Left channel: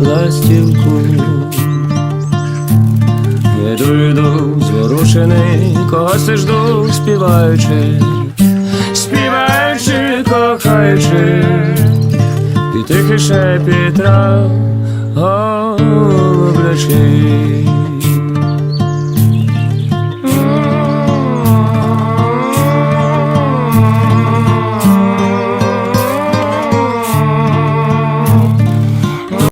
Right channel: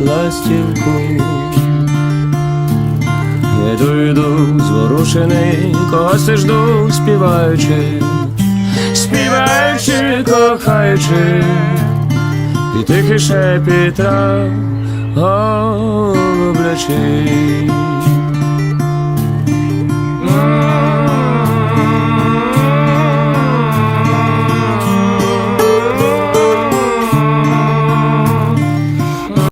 ластівку. Йду, йду, зворушений, когось жду, співаючи, співаючи, кохаючи, і тихий шепіт трав голублячий.